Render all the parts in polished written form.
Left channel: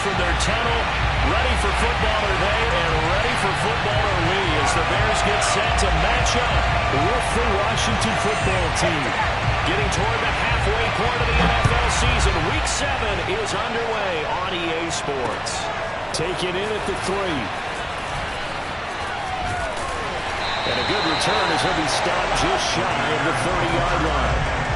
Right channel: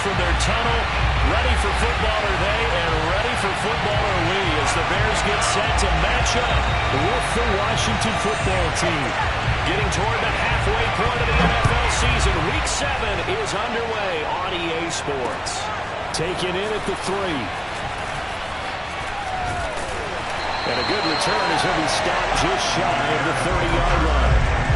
from their tunnel. Ready for football are they, and ready for football are we as the Bears get set to match up with the Washington football team. Getting toward the halfway point of the NFL season, Week 7 is underway on EA Sports. Taken in at the 3. And a good return as he'll be stopped just shy of the 30-yard line.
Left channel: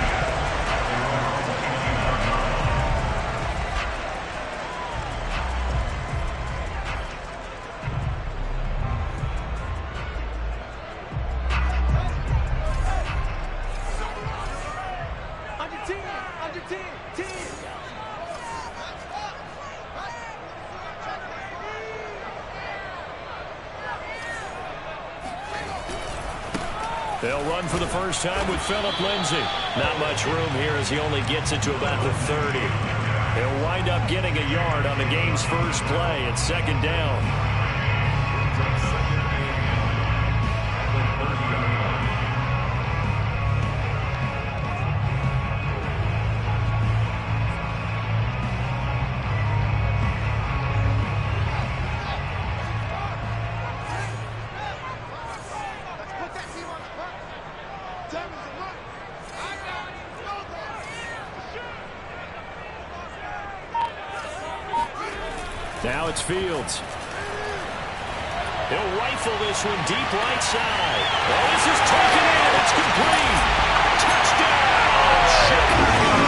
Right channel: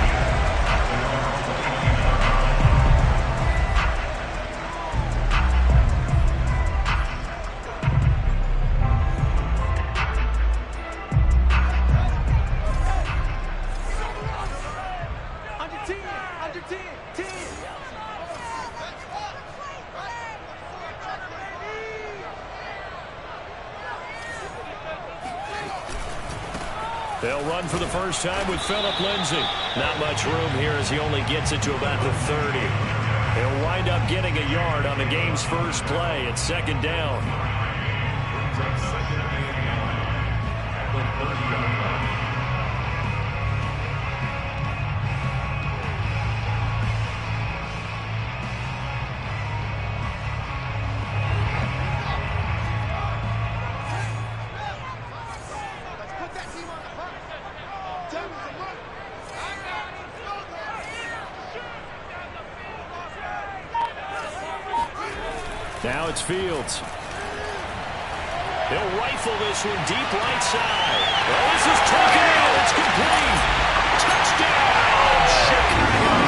They'll run for the first time with Phillip Lindsay. Not much room here as he only gets it to about the 30. He'll wind up getting a yard on the game's first play at 2nd down. Now it's Fields. He'll rifle this one deep right side. Oh, this is taken in. It's complete. Touchdown, Chicago.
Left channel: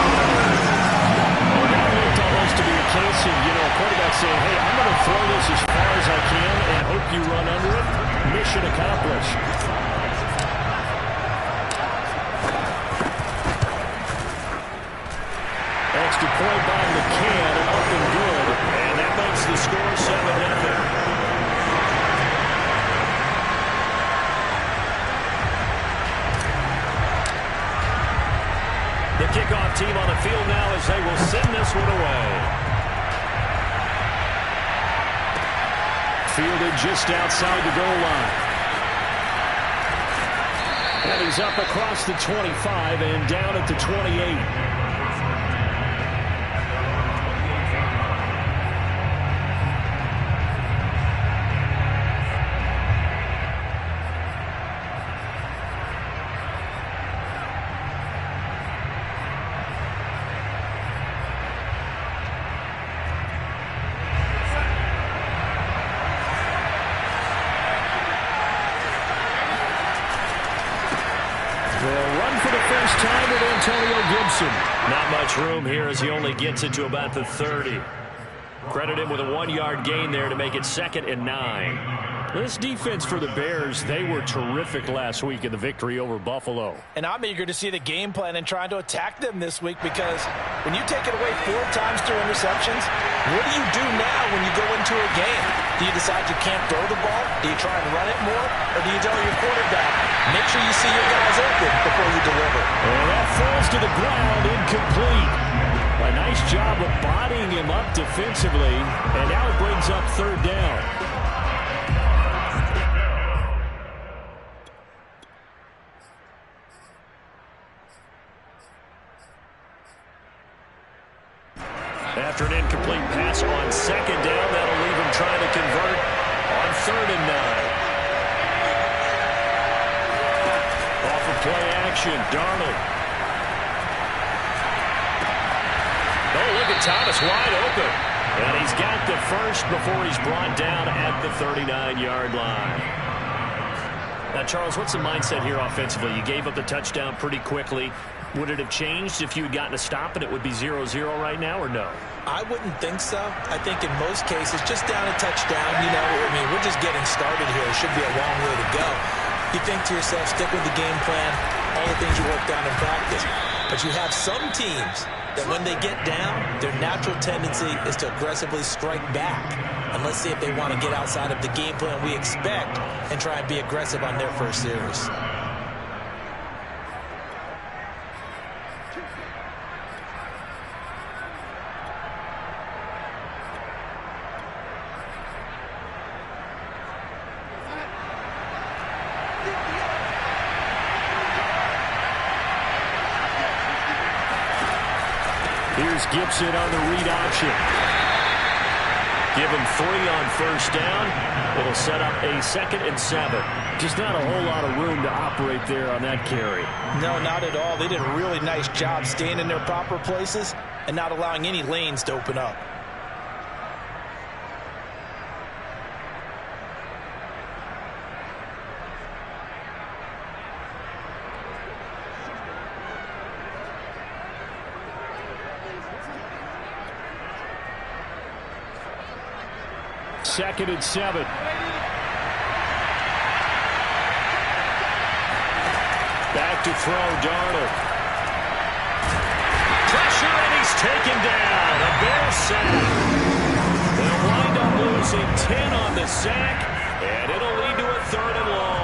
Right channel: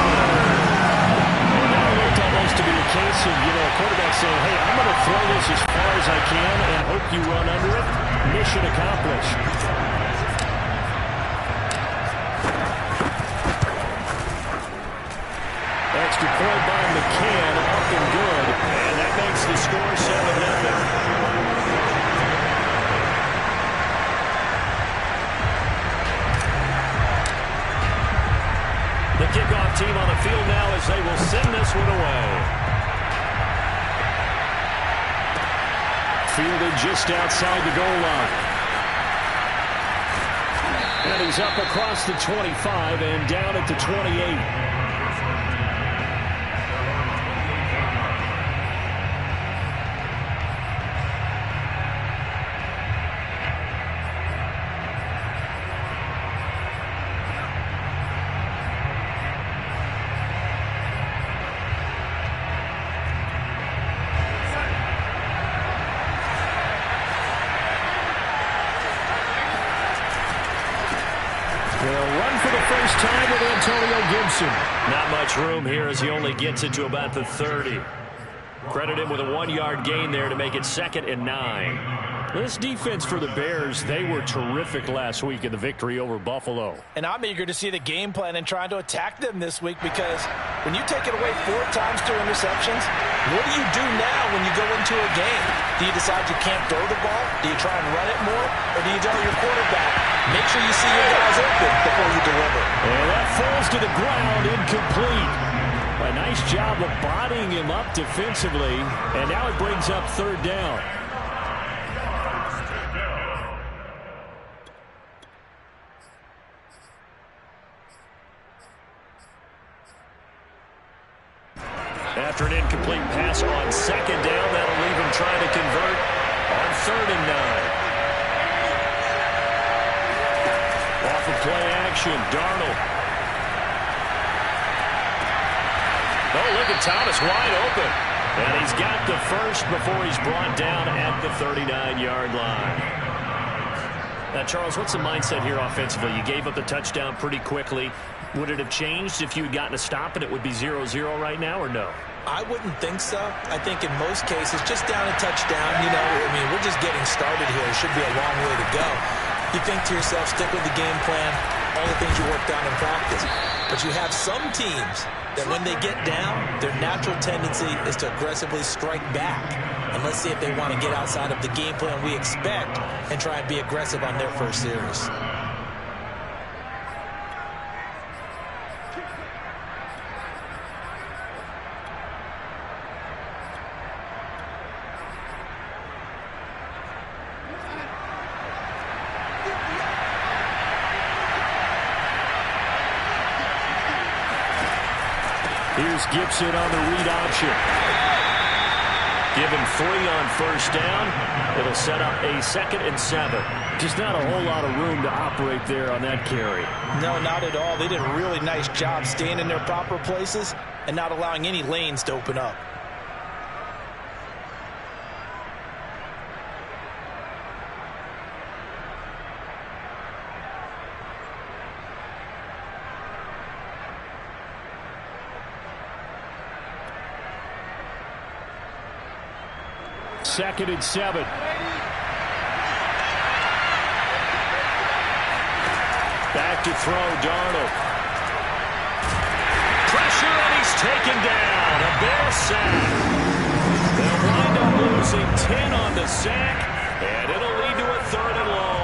Well, that looked almost to be a case of, a quarterback saying, hey, I'm going to throw this as far as I can and hope you run under it. Mission accomplished. Extra point by McCann, up and good. And that makes the score 7-0. The kickoff team on the field now as they will send this one away. Fielded just outside the goal line. And he's up across the 25 and down at the 28. They'll run for the first time with Antonio Gibson. Not much room here as he only gets it to about the 30. Credit him with a 1-yard gain there to make it 2nd and 9. This defense for the Bears, they were terrific last week in the victory over Buffalo. And I'm eager to see the game plan and trying to attack them this week because when you take it away 4 times through interceptions, what do you do now when you go into a game? Do you decide you can't throw the ball? Do you try and run it more? Or do you tell your quarterback, make sure you see your guys open before you deliver? And that falls to the ground, incomplete. A nice job of bodying him up defensively. And now it brings up 3rd down. After an incomplete pass on 2nd down, that'll leave him trying to convert on 3rd and 9. Off of play action, Darnold. Oh, look at Thomas wide open. And he's got the first before he's brought down at the 39-yard line. Now, Charles, what's the mindset here offensively? You gave up the touchdown pretty quickly. Would it have changed if you had gotten a stop and it would be 0-0 right now, or no? I wouldn't think so. I think in most cases, just down a touchdown, we're just getting started here. It should be a long way to go. You think to yourself, stick with the game plan, all the things you worked on in practice. But you have some teams that when they get down, their natural tendency is to aggressively strike back. And let's see if they want to get outside of the game plan we expect and try and be aggressive on their first series. Here's Gibson on the read option. Give him 3 on first down. It'll set up a 2nd and 7. Just not a whole lot of room to operate there on that carry. No, not at all. They did a really nice job staying in their proper places and not allowing any lanes to open up. Second and 7. Back to throw, Darnold. Pressure, and he's taken down. A Bear sack. They'll wind up losing 10 on the sack, and it'll lead to a 3rd and long.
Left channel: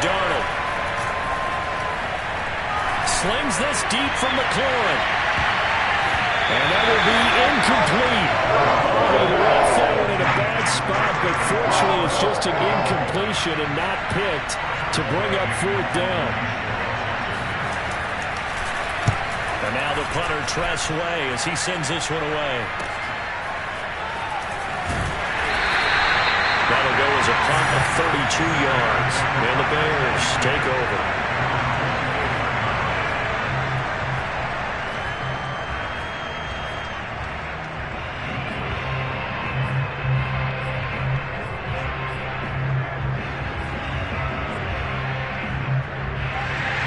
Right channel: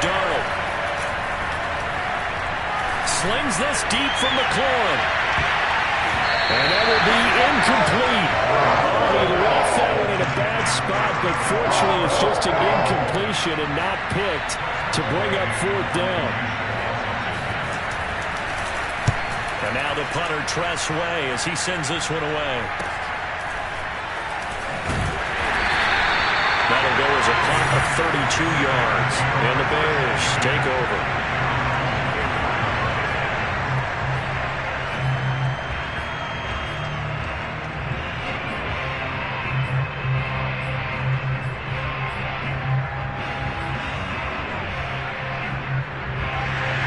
Darnold slings this deep from McLaurin, and that will be incomplete. Oh, he left that one in a bad spot, but fortunately it's just an incompletion and not picked to bring up 4th down. And now the punter, Tress Way, as he sends this one away. That'll go as a punt of 32 yards. And the Bears take over.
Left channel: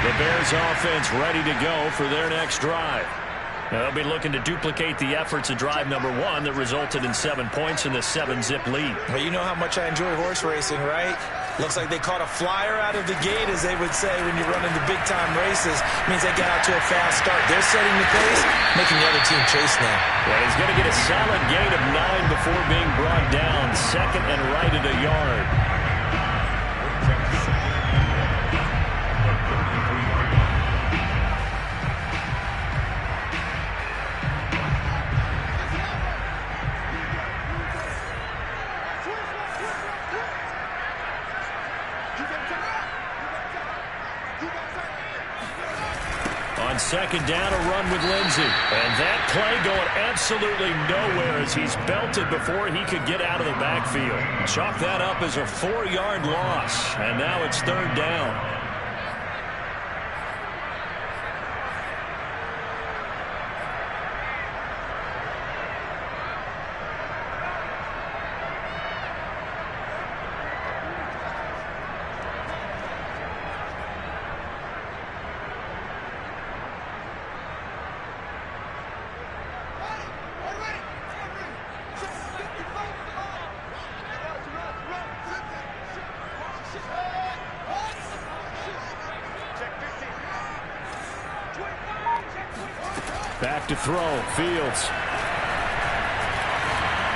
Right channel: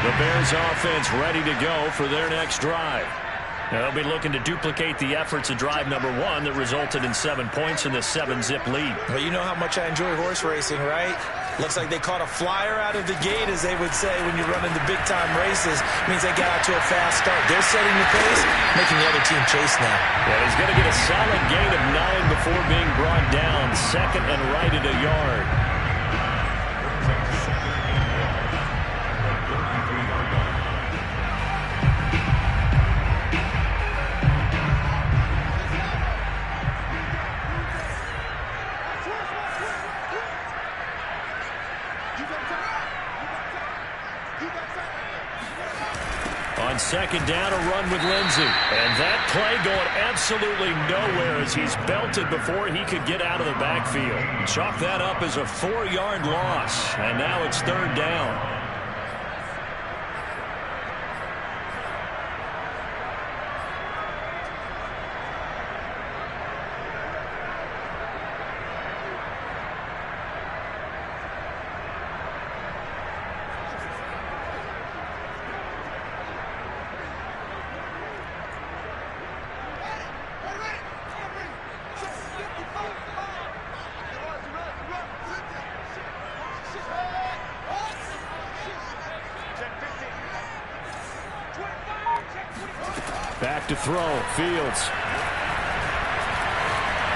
The Bears offense ready to go for their next drive. They'll be looking to duplicate the efforts of drive number 1 that resulted in 7 points in the 7-zip lead. Well, you know how much I enjoy horse racing, right? Looks like they caught a flyer out of the gate, as they would say when you're running the big-time races. Means they get out to a fast start. They're setting the pace, making the other team chase now. Yeah, he's going to get a solid gain of 9 before being brought down. 2nd and right at a yard. On 2nd down, a run with Lindsey. And that play going absolutely nowhere as he's belted before he could get out of the backfield. Chalk that up as a 4-yard loss. And now it's 3rd down. Back to throw, Fields.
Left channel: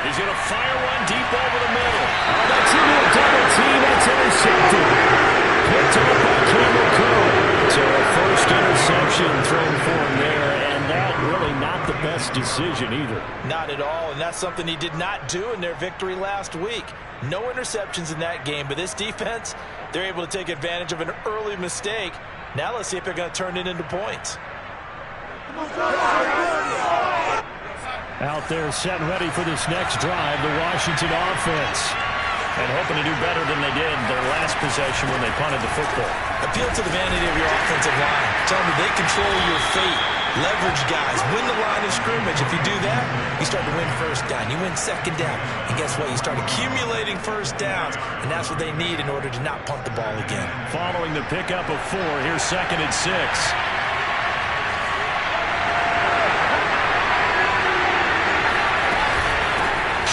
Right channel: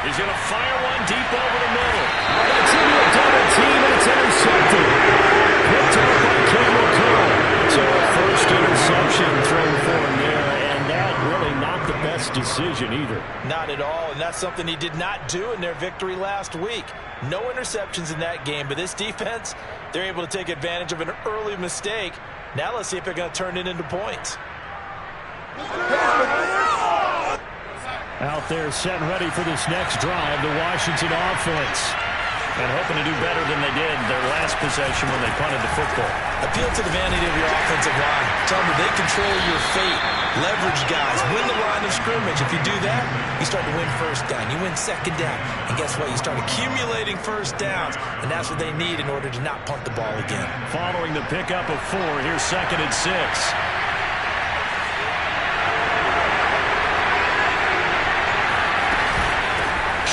He's going to fire one deep over the middle. Oh, that's into a double team, and it's intercepted. Picked up by Campbell Curl. So a first interception thrown for him there, and that really not the best decision either. Not at all, and that's something he did not do in their victory last week. No interceptions in that game, but this defense, they're able to take advantage of an early mistake. Now let's see if they're going to turn it into points. Out there set and ready for this next drive, the Washington offense. And hoping to do better than they did their last possession when they punted the football. Appeal to the vanity of your offensive line. Tell them they control your fate. Leverage guys. Win the line of scrimmage. If you do that, you start to win 1st down. You win 2nd down. And guess what? You start accumulating 1st downs. And that's what they need in order to not punt the ball again. Following the pickup of 4, here's 2nd and 6.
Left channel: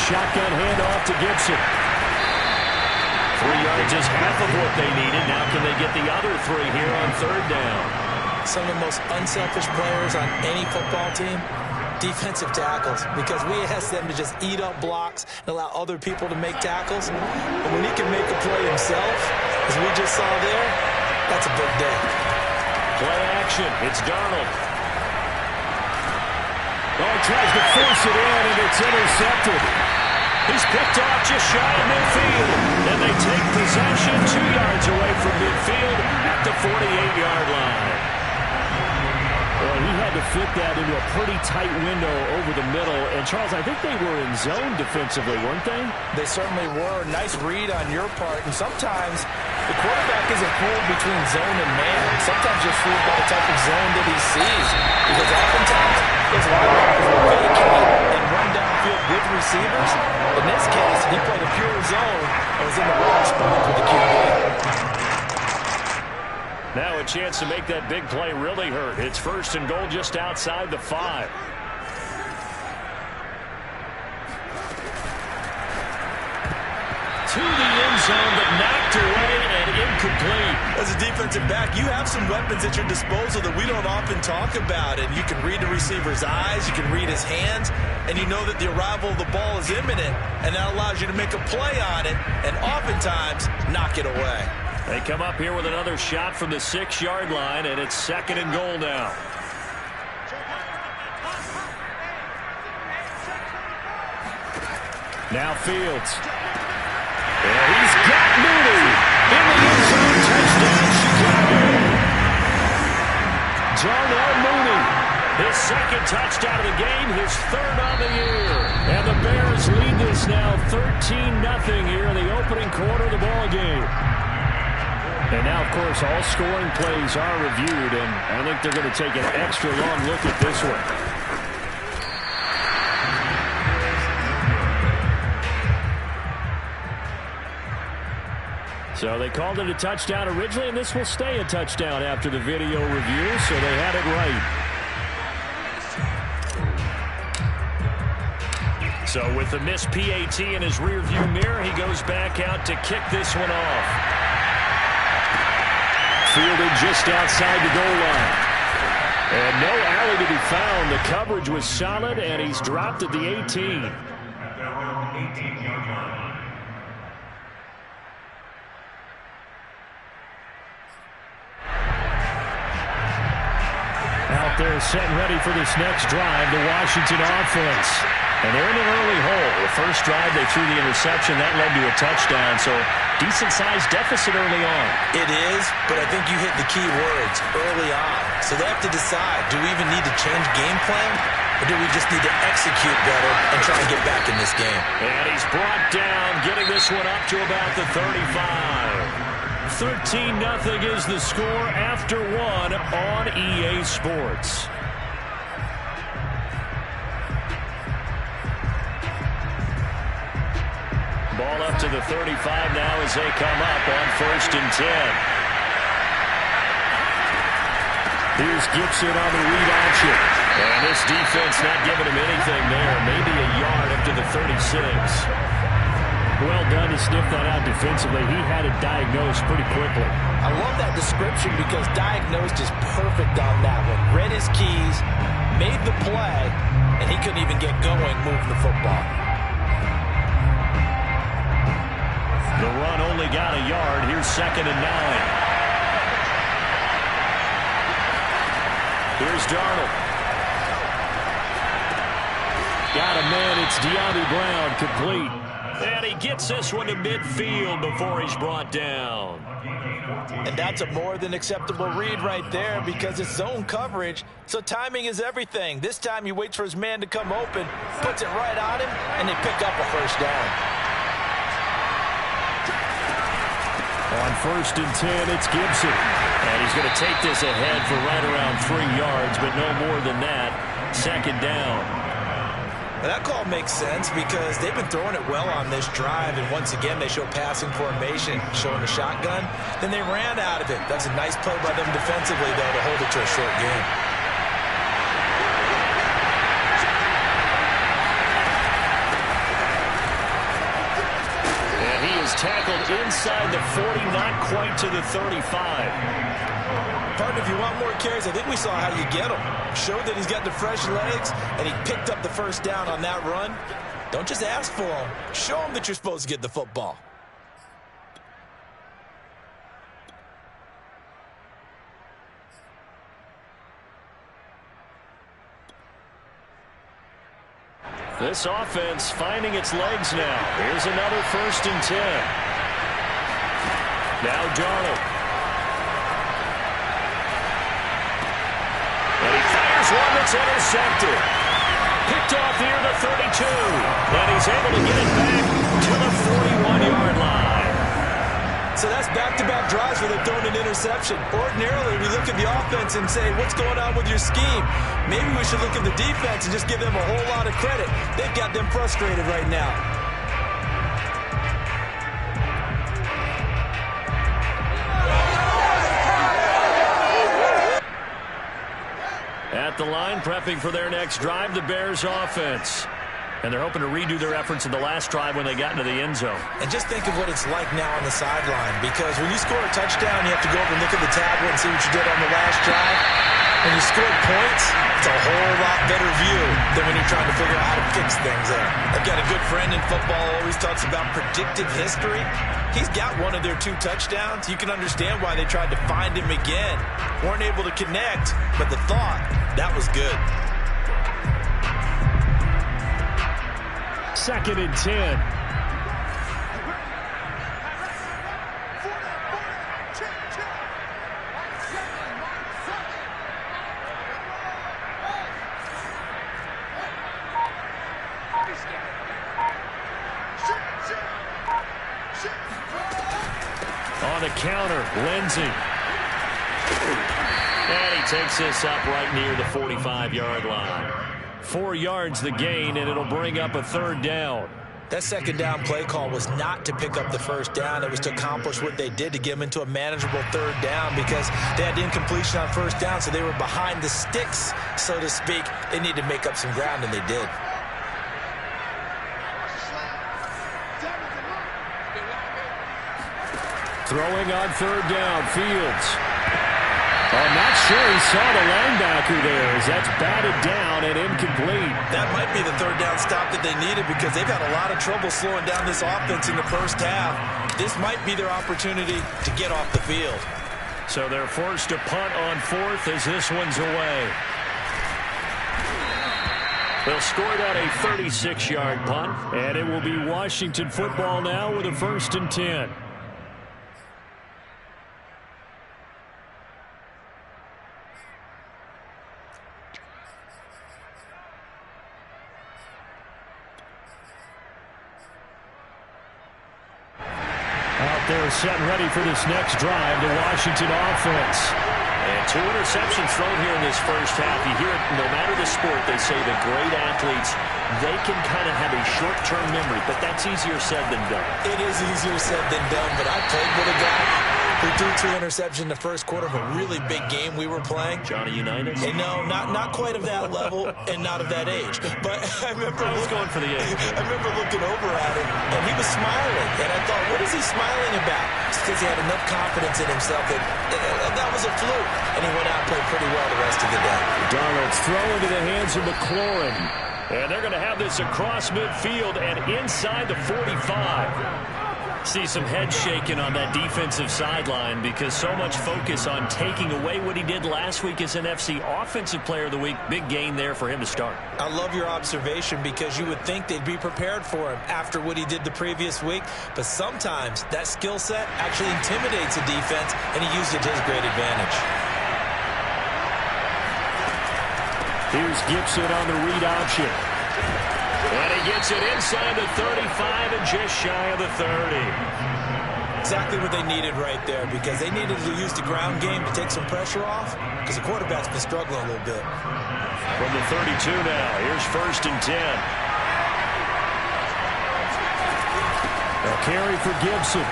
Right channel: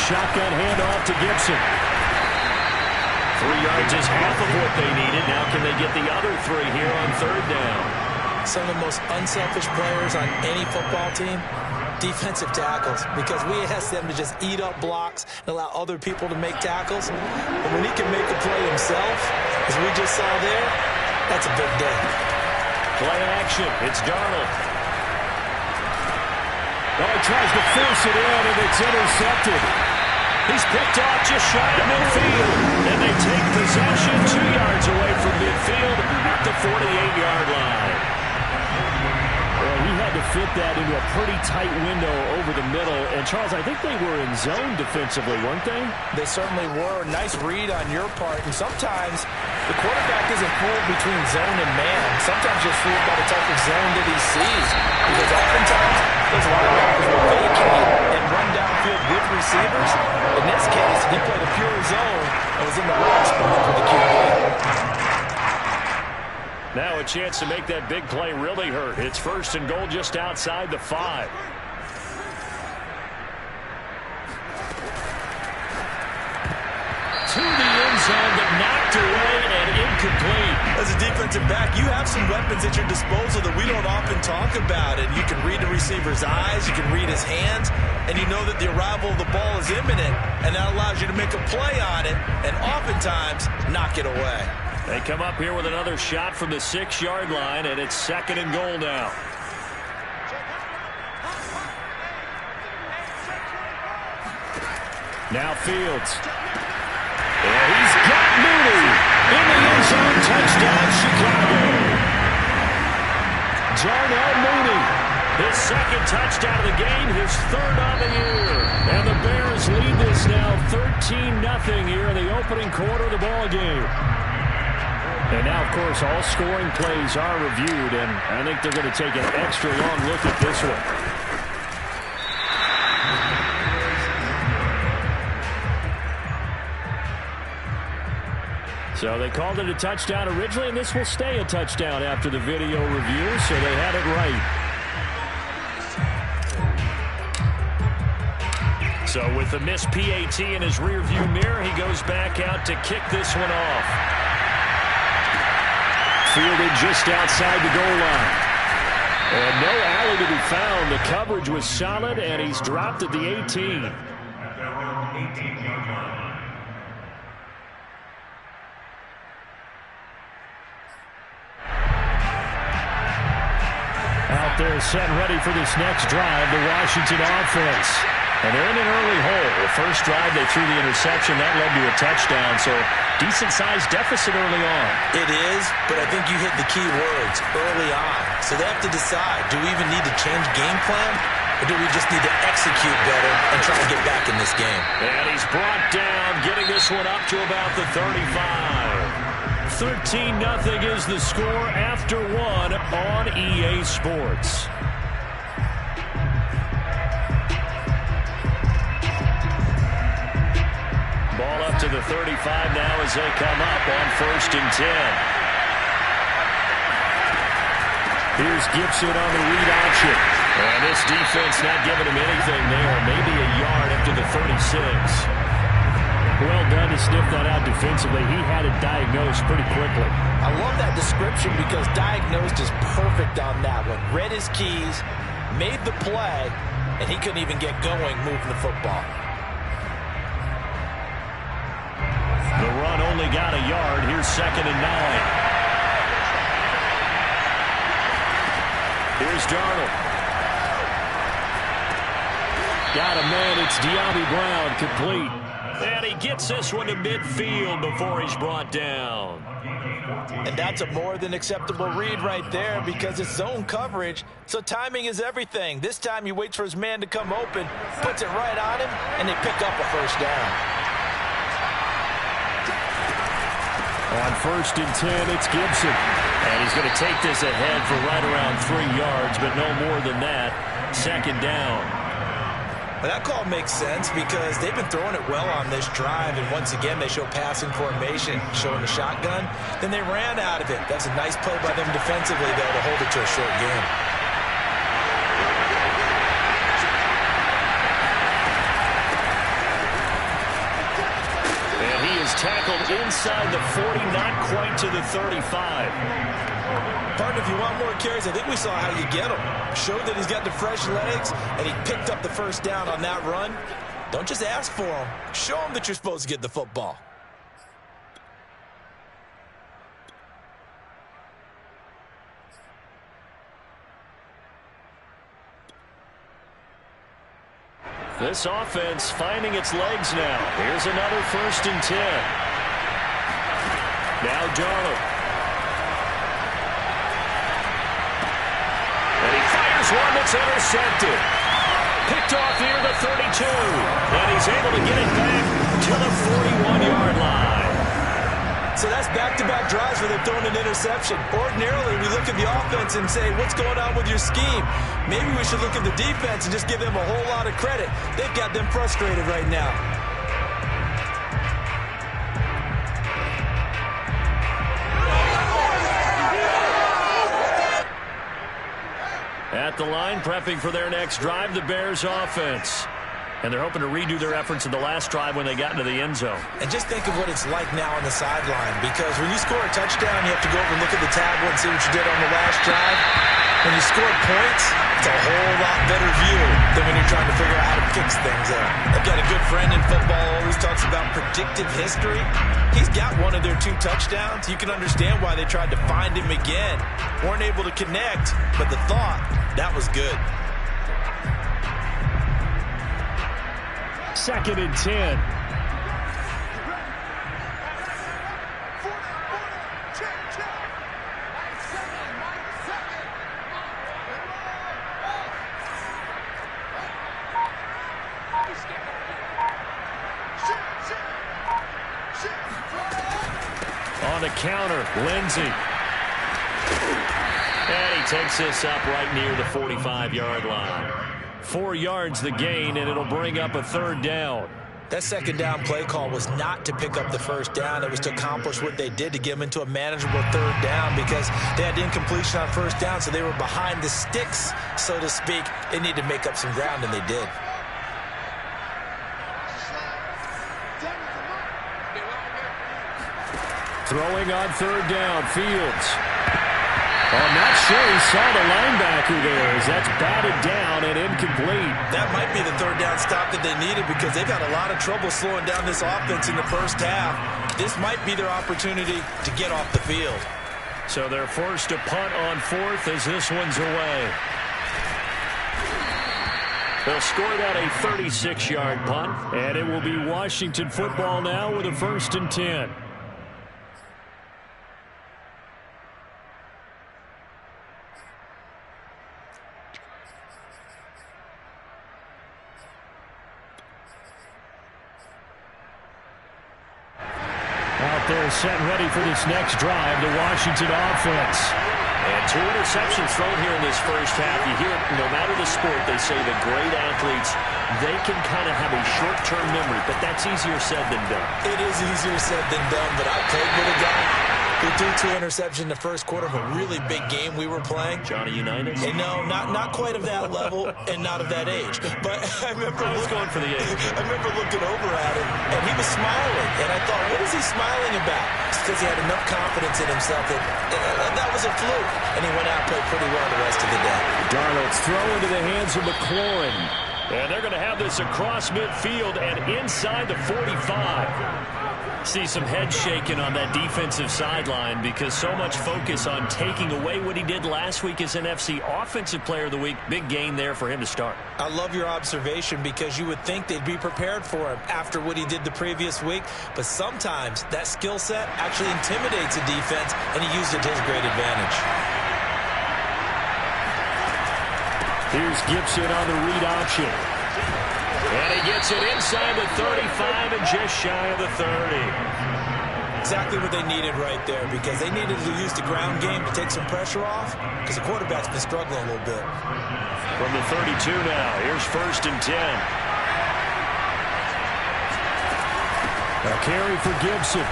Shotgun handoff to Gibson. 3 yards is half of what they needed. Now can they get the other 3 here on 3rd down? Some of the most unselfish players on any football team, defensive tackles, because we ask them to just eat up blocks and allow other people to make tackles. But when he can make a play himself, as we just saw there, that's a big day. Play action. It's Darnold. Oh, he tries to force it in, and it's intercepted. He's picked off just shy of midfield. And they take possession 2 yards away from midfield at the 48-yard line. Well, he had to fit that into a pretty tight window over the middle. And, Charles, I think they were in zone defensively, weren't they? They certainly were. Nice read on your part. And sometimes the quarterback isn't fooled between zone and man. Sometimes you're fooled by the type of zone that he sees. Because oftentimes those linebackers will vacate and run downfield with receivers. In this case, he played a pure zone and was in the wrong spot for the QB. Now a chance to make that big play really hurt. It's 1st and goal just outside the 5. To the end zone, but knocked away and incomplete. As a defensive back, you have some weapons at your disposal that we don't often talk about. And you can read the receiver's eyes, you can read his hands, and you know that the arrival of the ball is imminent, and that allows you to make a play on it and oftentimes knock it away. They come up here with another shot from the 6-yard line, and it's 2nd and goal now. Now Fields. And he's got Mooney in the end zone. Touchdown, Chicago. Darnell Mooney, his 2nd touchdown of the game, his 3rd on the year. And the Bears lead this now 13-0 here in the opening quarter of the ball game. And now, of course, all scoring plays are reviewed, and I think they're going to take an extra long look at this one. So they called it a touchdown originally, and this will stay a touchdown after the video review, so they had it right. So with the missed PAT in his rearview mirror, he goes back out to kick this one off. Fielded just outside the goal line. And no alley to be found. The coverage was solid, and he's dropped at the 18. Out there set and ready for this next drive, the Washington offense. And they're in an early hole. The first drive, they threw the interception. That led to a touchdown. So decent-sized deficit early on. It is, but I think you hit the key words, early on. So they have to decide, do we even need to change game plan? Or do we just need to execute better and try and get back in this game? And he's brought down, getting this one up to about the 35. 13-0 is the score after 1 on EA Sports. Ball up to the 35 now as they come up on 1st and 10. Here's Gibson on the read option. And this defense not giving him anything there. Maybe a yard up to the 36. Well done to sniff that out defensively. He had it diagnosed pretty quickly. I love that description because diagnosed is perfect on that one. Read his keys, made the play, and he couldn't even get going moving the football. The run only got a yard. Here's 2nd and 9. Here's Darnold. Got a man. It's De'Ami Brown, complete. And he gets this one to midfield before he's brought down. And that's a more than acceptable read right there because it's zone coverage, so timing is everything. This time he waits for his man to come open, puts it right on him, and they pick up a 1st down. On 1st and 10, it's Gibson. And he's going to take this ahead for right around 3 yards, but no more than that. 2nd down. Well, that call makes sense because they've been throwing it well on this drive, and once again they show passing formation, showing the shotgun. Then they ran out of it. That's a nice play by them defensively, though, to hold it to a short game. And he is tackled inside the 40, not quite to the 35. Partner, if you want more carries, I think we saw how you get him. Showed that he's got the fresh legs, and he picked up the 1st down on that run. Don't just ask for him. Show him that you're supposed to get the football. This offense finding its legs now. Here's another 1st and 10. Now Darnold. And he fires one that's intercepted. Picked off near the 32. And he's able to get it back to the 41-yard line. So that's back-to-back drives where they've thrown an interception. Ordinarily, we look at the offense and say, what's going on with your scheme? Maybe we should look at the defense and just give them a whole lot of credit. They've got them frustrated right now. At the line, prepping for their next drive, the Bears offense. And they're hoping to redo their efforts in the last drive when they got into the end zone. And just think of what it's like now on the sideline, because when you score a touchdown, you have to go over and look at the tablet and see what you did on the last drive. When you scored points, it's a whole lot better view than when you're trying to figure out how to fix things there. I've got a good friend in football who always talks about predictive history. He's got one of their 2 touchdowns. You can understand why they tried to find him again. Weren't able to connect, but the thought, that was good. 2nd and 10. On the counter, Lindsey. And he takes this up right near the 45-yard line. 4 yards the gain, and it'll bring up a 3rd down. That 2nd down play call was not to pick up the 1st down. It was to accomplish what they did to get them into a manageable 3rd down, because they had incompletion on 1st down, so they were behind the sticks, so to speak. They needed to make up some ground, and they did. Throwing on 3rd down, Fields. I'm not sure he saw the linebacker there as that's batted down and incomplete. That might be the 3rd down stop that they needed, because they've had a lot of trouble slowing down this offense in the 1st half. This might be their opportunity to get off the field. So they're forced to punt on 4th as this one's away. They'll score that a 36-yard punt, and it will be Washington football now with a 1st and 10. Out there set and ready for this next drive, the Washington offense. And 2 interceptions thrown here in this 1st half. You hear it, no matter the sport, they say the great athletes, they can kind of have a short-term memory, but that's easier said than done. It is easier said than done, but I played with a guy who threw 2 interceptions in the 1st quarter of a really big game we were playing. Johnny Unitas? And no, not quite of that level and not of that age. But I remember going for the age. I remember looking over at him, and he was smiling. And I thought, what is he smiling about? It's because he had enough confidence in himself that that was a fluke. And he went out and played pretty well the rest of the day. Darnold's throw into the hands of McLaurin. And they're going to have this across midfield and inside the 45. See some head shaking on that defensive sideline because so much focus on taking away what he did last week as NFC Offensive Player of the Week. Big gain there for him to start. I love your observation because you would think they'd be prepared for him after what he did the previous week. But sometimes that skill set actually intimidates a defense, and he used it to his great advantage. Here's Gibson on the read option. And he gets it inside the 35 and just shy of the 30. Exactly what they needed right there, because they needed to use the ground game to take some pressure off because the quarterback's been struggling a little bit. From the 32 now, here's 1st and 10. A carry for Gibson.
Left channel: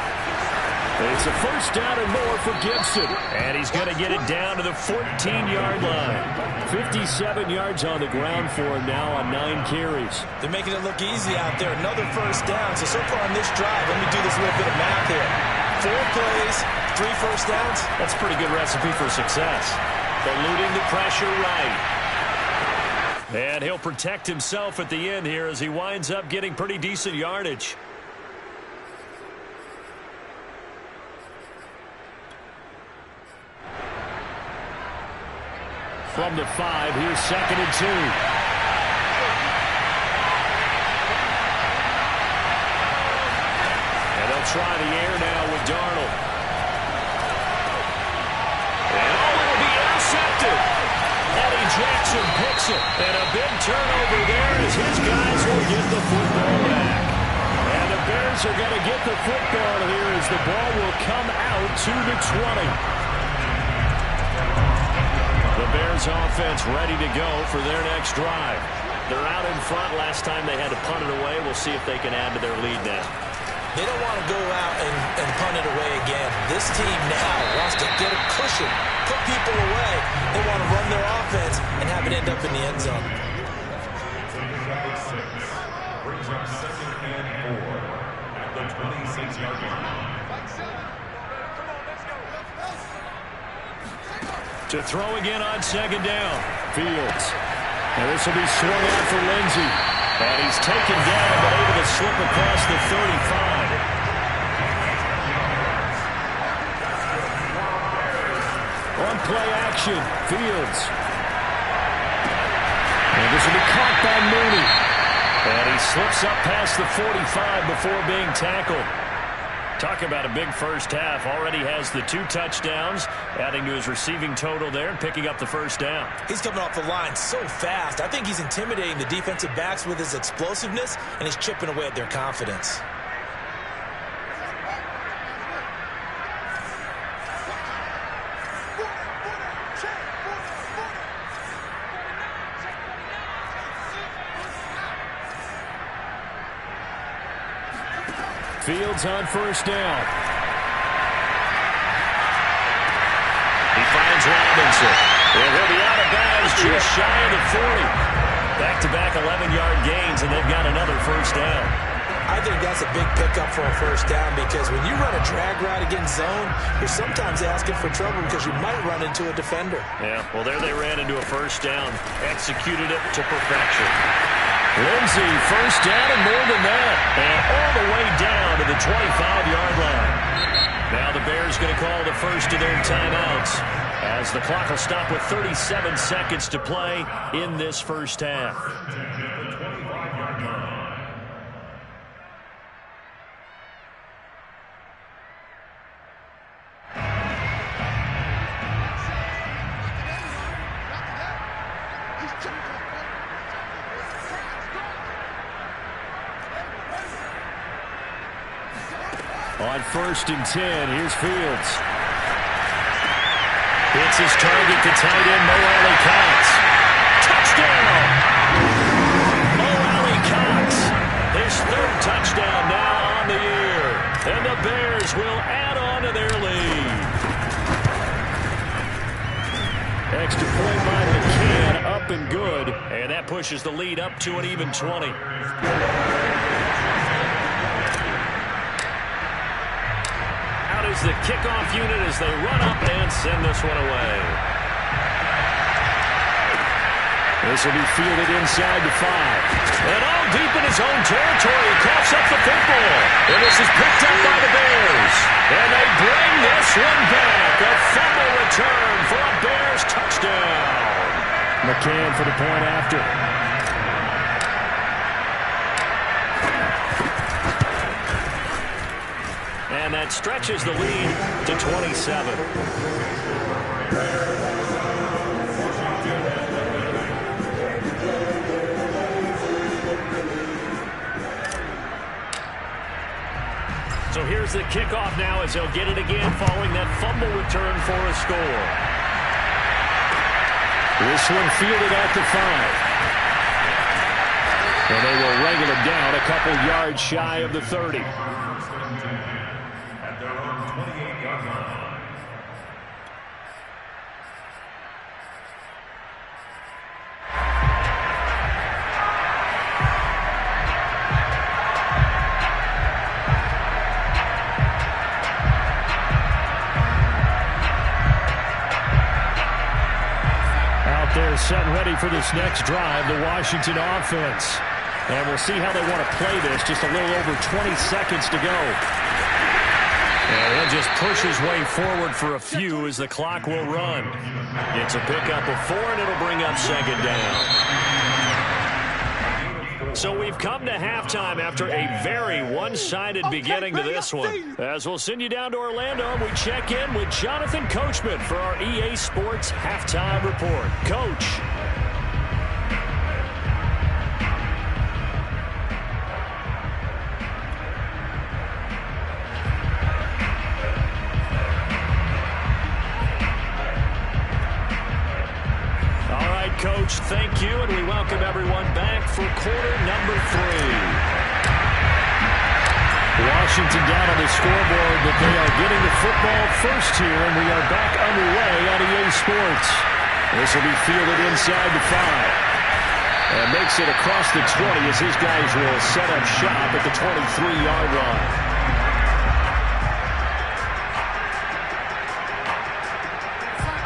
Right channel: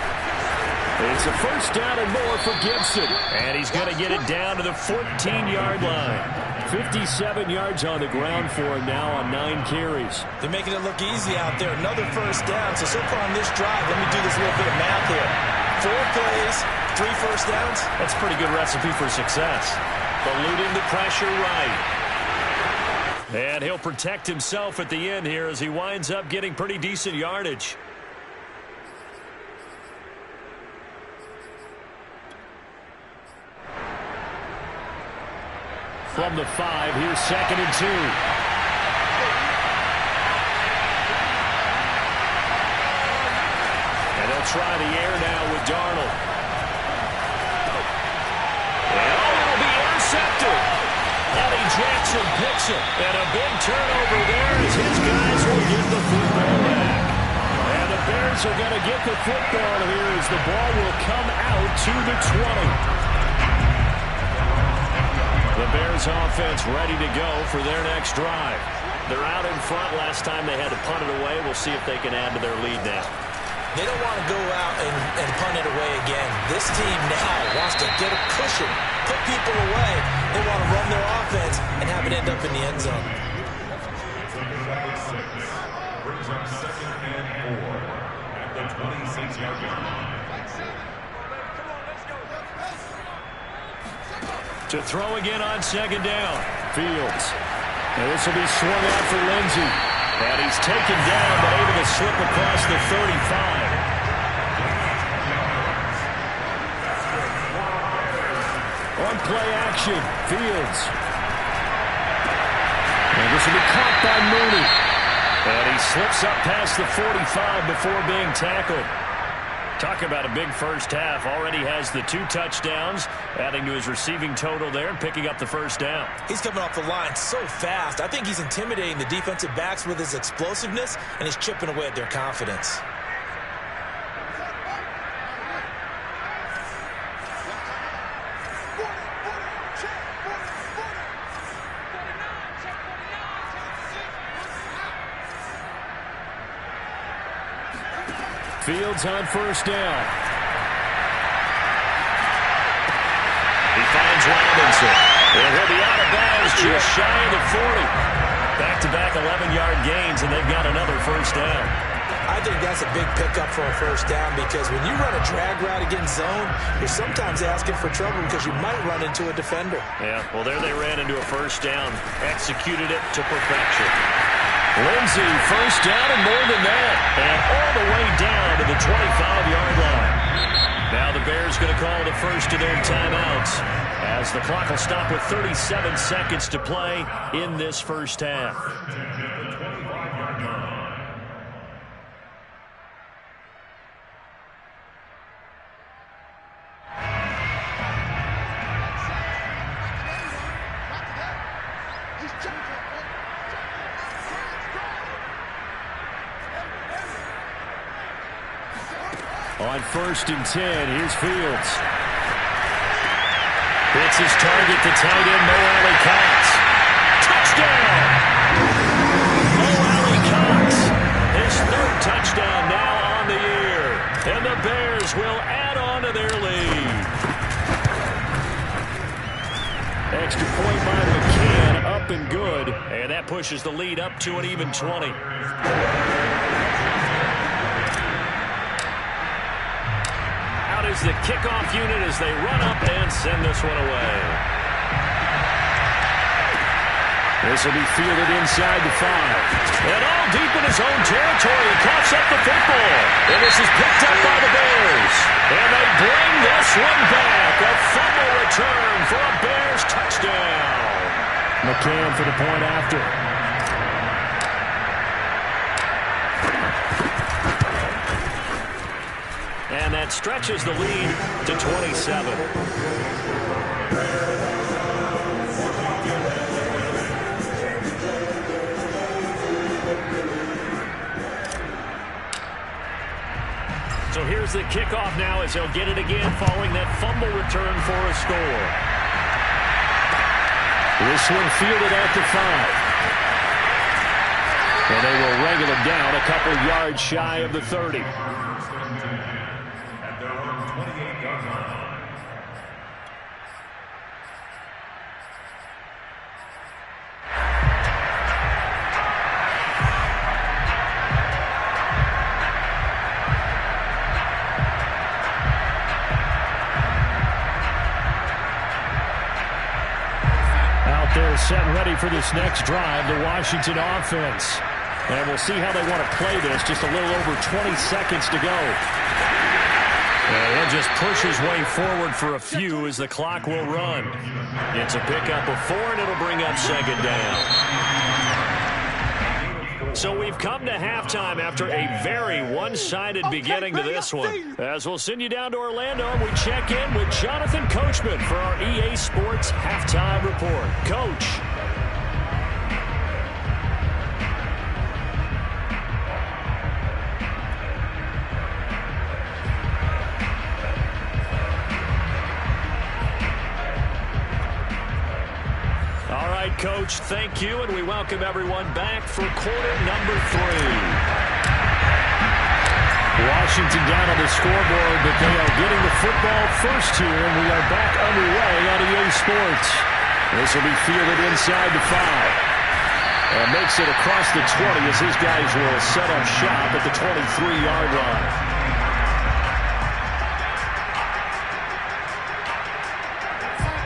It's a 1st down and more for Gibson. And he's going to get it down to the 14-yard line. 57 yards on the ground for him now on 9 carries. They're making it look easy out there. Another 1st down. So far on this drive, let me do this little bit of math here. 4 plays, 3 1st downs. That's a pretty good recipe for success. Eluding the pressure right. And he'll protect himself at the end here as he winds up getting pretty decent yardage. From the 5, here's 2nd and 2. try the air now with Darnold. And it'll be intercepted. Eddie Jackson picks it. And a big turnover there as his guys will get the football back. And the Bears are going to get the football here as the ball will come out to the 20. The Bears offense ready to go for their next drive. They're out in front. Last time they had to punt it away. We'll see if they can add to their lead now. They don't want to go out and punt it away again. This team now wants to get a cushion, put people away. They want to run their offense and have it end up in the end zone. Brings up 2nd and 4 at the 26-yard line. To throw again on 2nd down. Fields. And this will be swung out for Lindsey. And he's taken down, but able to slip across the 35. On play action, Fields. And this will be caught by Mooney. And he slips up past the 45 before being tackled. Talk about a big first half. Already has the 2 touchdowns, adding to his receiving total there and picking up the first down. He's coming off the line so fast. I think he's intimidating the defensive backs with his explosiveness, and he's chipping away at their confidence. Fields on first down. He finds Robinson. And he'll be out of bounds just shy of the 40. Back-to-back 11-yard gains, and they've got another first down. I think that's a big pickup for a first down because when you run a drag route against zone, you're sometimes asking for trouble because you might run into a defender. Yeah, well, there they ran into a first down. Executed it to perfection. Lindsey, first down and more than that. And all the way down to the 25-yard line. Now the Bears going to call the first of their timeouts as the clock will stop with 37 seconds to play in this first half. On 1st and 10, here's Fields. Hits his target to tight end Mo Alley-Cox. Touchdown! Mo Alley-Cox, his 3rd touchdown now on the year. And the Bears will add on to their lead. Extra point by McCann, up and good. And that pushes the lead up to an even 20. Is the kickoff unit as they run up and send this one away. This will be fielded inside the 5. And all deep in his own territory. He coughs up the football. And this is picked up by the Bears. And they bring this one back. A fumble return for a Bears touchdown. McCann for the point after. And that stretches the lead to 27. So here's the kickoff now as they'll get it again following that fumble return for a score. This one fielded at the 5. And they will wrangle it down a couple yards shy of the 30. At their own 28-yard line. Out there set and ready for this next drive, the Washington offense. And we'll see how they want to play this. Just a little over 20 seconds to go. And he'll just push his way forward for a few as the clock will run. It's a pickup of 4, and it'll bring up second down. So we've come to halftime after a very one-sided beginning to this one. As we'll send you down to Orlando, and we check in with Jonathan Coachman for our EA Sports Halftime Report. Coach. All right, Coach, thank you, and we welcome everyone back for quarter number 3. Washington down on the scoreboard, but they are getting the football first here, and we are back underway on EA Sports. This will be fielded inside the 5. And makes it across the 20 as his guys will set up shop at the 23-yard line.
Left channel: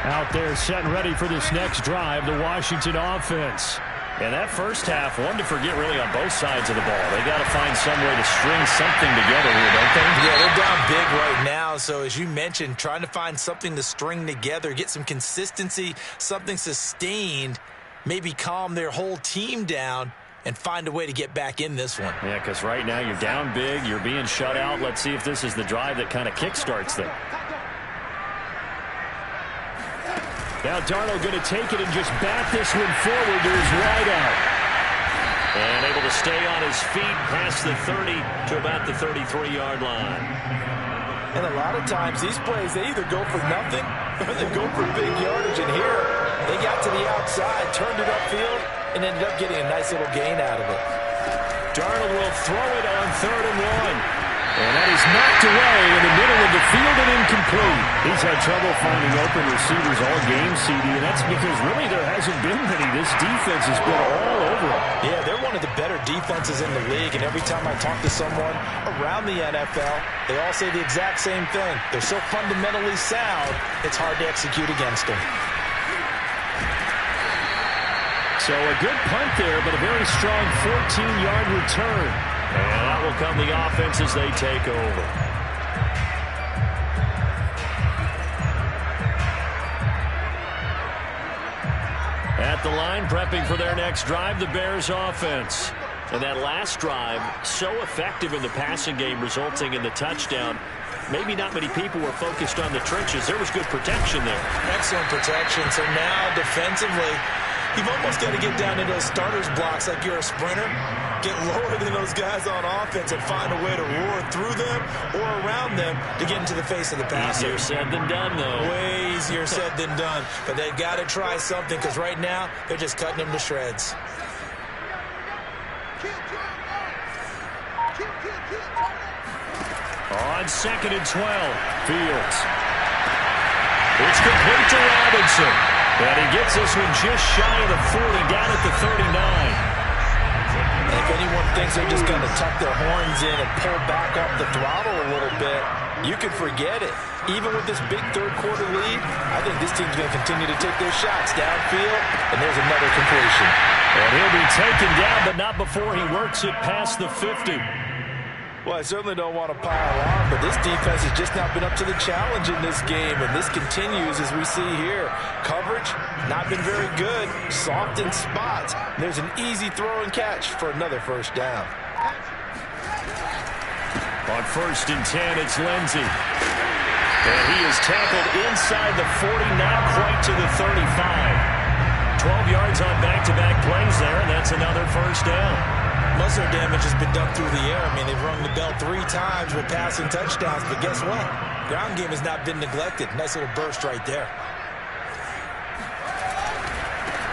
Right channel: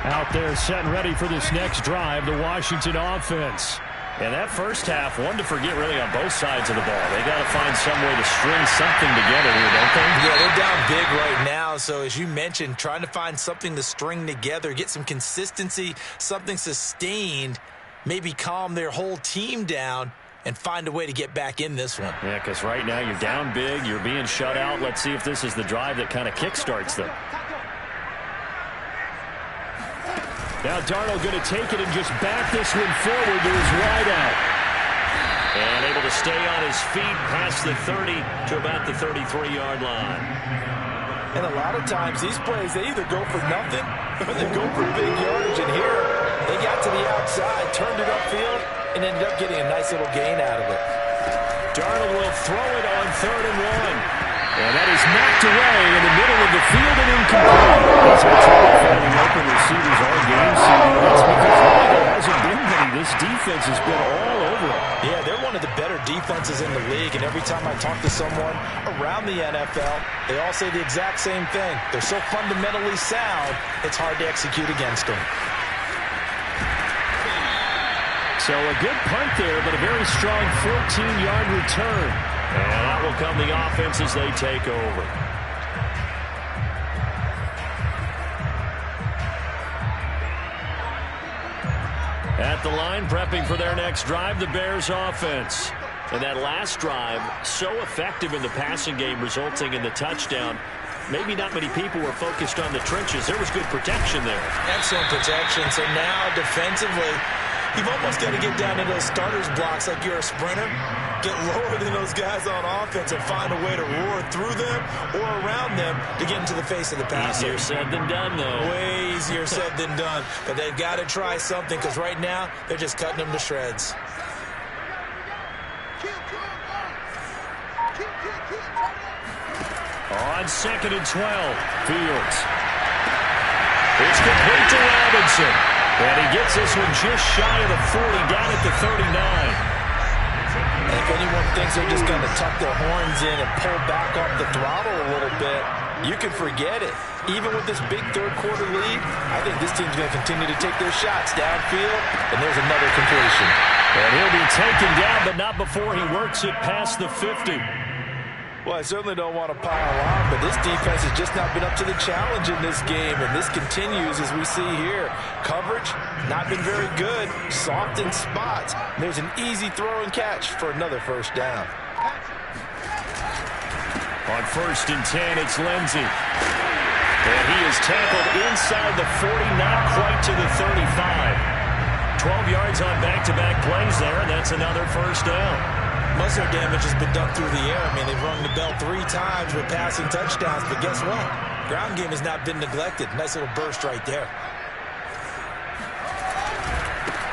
Out there set and ready for this next drive, the Washington offense. And that first half, one to forget really on both sides of the ball. They got to find some way to string something together here, don't they? Yeah, they're down big right now. So as you mentioned, trying to find something to string together, get some consistency, something sustained, maybe calm their whole team down and find a way to get back in this one. Yeah, because right now you're down big, you're being shut out. Let's see if this is the drive that kind of kickstarts them. Now Darnold going to take it and just back this one forward to his wideout. And able to stay on his feet past the 30 to about the 33-yard line. And a lot of times these plays, they either go for nothing or they go for big yardage. And here, they got to the outside, turned it upfield, and ended up getting a nice little gain out of it. Darnold will throw it on 3rd and 1. And that is knocked away in the middle of the field and incomplete. He's had trouble finding open receivers all game, CD, and that's because really there hasn't been many. This defense has been all over them. Yeah, they're one of the better defenses in the league, and every time I talk to someone around the NFL, they all say the exact same thing. They're so fundamentally sound, it's hard to execute against them. So a good punt there, but a very strong 14-yard return. And out will come the offense as they take over. At the line, prepping for their next drive, the Bears offense. And that last drive, so effective in the passing game, resulting in the touchdown. Maybe not many people were focused on the trenches. There was good protection there. Excellent protection. So now defensively, you've almost got to get down to those starters blocks like you're a sprinter. Get lower than those guys on offense and find a way to roar through them or around them to get into the face of the passer. Easier said than done, though. Way easier said than done. But they've got to try something because right now they're just cutting them to shreds. On 2nd and 12, Fields. It's complete to Robinson. And he gets this one just shy of the 40, down at the 39. And if anyone thinks they're just going to tuck their horns in and pull back off the throttle a little bit, you can forget it. Even with this big third-quarter lead, I think this team's going to continue to take their shots downfield, and there's another completion. And he'll be taken down, but not before he works it past the 50. Well, I certainly don't want to pile on, but this defense has just not been up to the challenge in this game, and this continues as we see here. Coverage, not been very good, soft in spots. There's an easy throw and catch for another first down. On 1st and 10, it's Lindsey. And he is tackled inside the 40, not quite to the 35. 12 yards on back-to-back plays there, and that's another first down. Most of their damage has been done through the air. I mean, they've rung the bell 3 times with passing touchdowns, but guess what? Ground game has not been neglected. Nice little burst right there.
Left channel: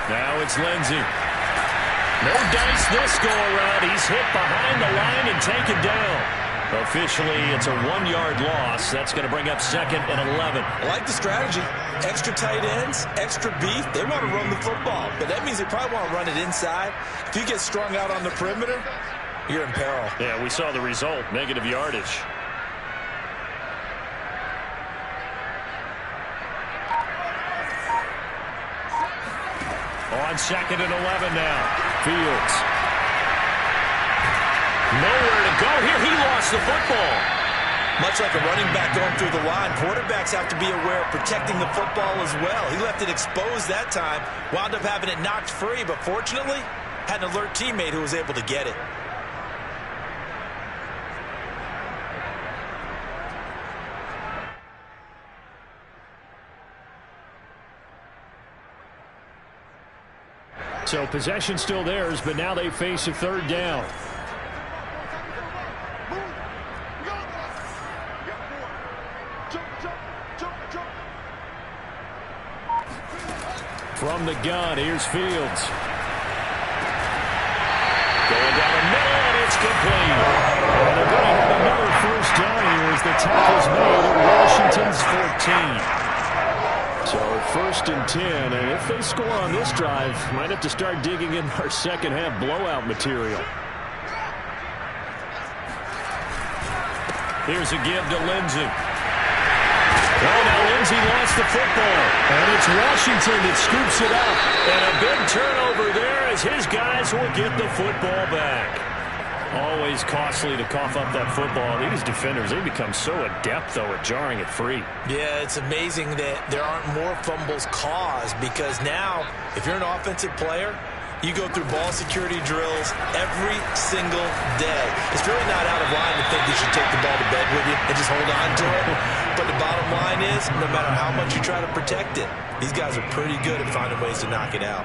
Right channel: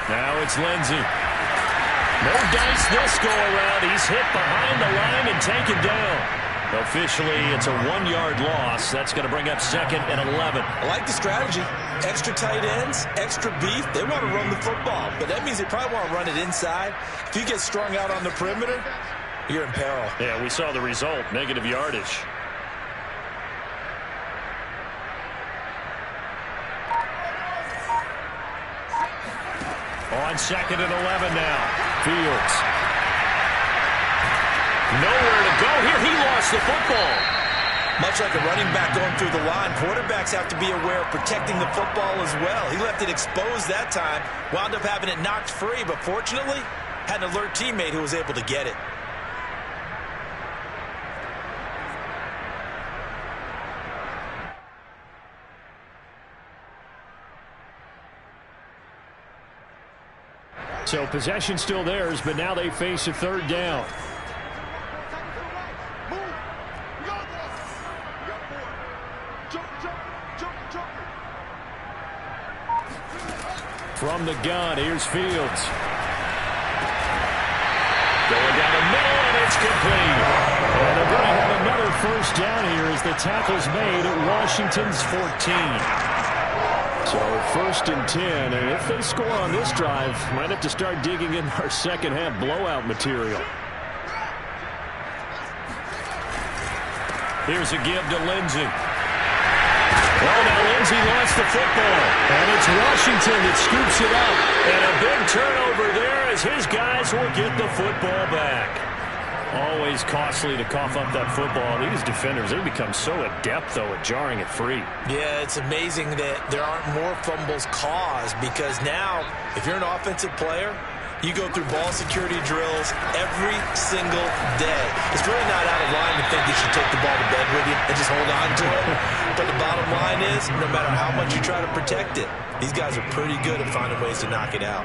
Now it's Lindsey. No dice this go-around. He's hit behind the line and taken down. Officially, it's a 1-yard loss. That's going to bring up 2nd and 11. I like the strategy. Extra tight ends, extra beef. They want to run the football, but that means they probably want to run it inside. If you get strung out on the perimeter, you're in peril. Yeah, we saw the result, negative yardage. On 2nd and 11 now. Fields. Nowhere to go here. He lost the football. Much like a running back going through the line, quarterbacks have to be aware of protecting the football as well. He left it exposed that time, wound up having it knocked free, but fortunately, had an alert teammate who was able to get it. So possession still theirs, but now they face a third down. From the gun, here's Fields. Going down the middle, and it's complete. And they're going to have another first down here as the tackle's made at Washington's 14. So 1st and 10, and if they score on this drive, might have to start digging in our second half blowout material. Here's a give to Lindsey. Oh, now Lindsey lost the football, and it's Washington that scoops it up. And a big turnover there as his guys will get the football back. Always costly to cough up that football. These defenders, they become so adept, though, at jarring it free. Yeah, it's amazing that there aren't more fumbles caused, because now, if you're an offensive player, you go through ball security drills every single day. It's really not out of line to think you should take the ball to bed with you and just hold on to it. But the bottom line is, no matter how much you try to protect it, these guys are pretty good at finding ways to knock it out.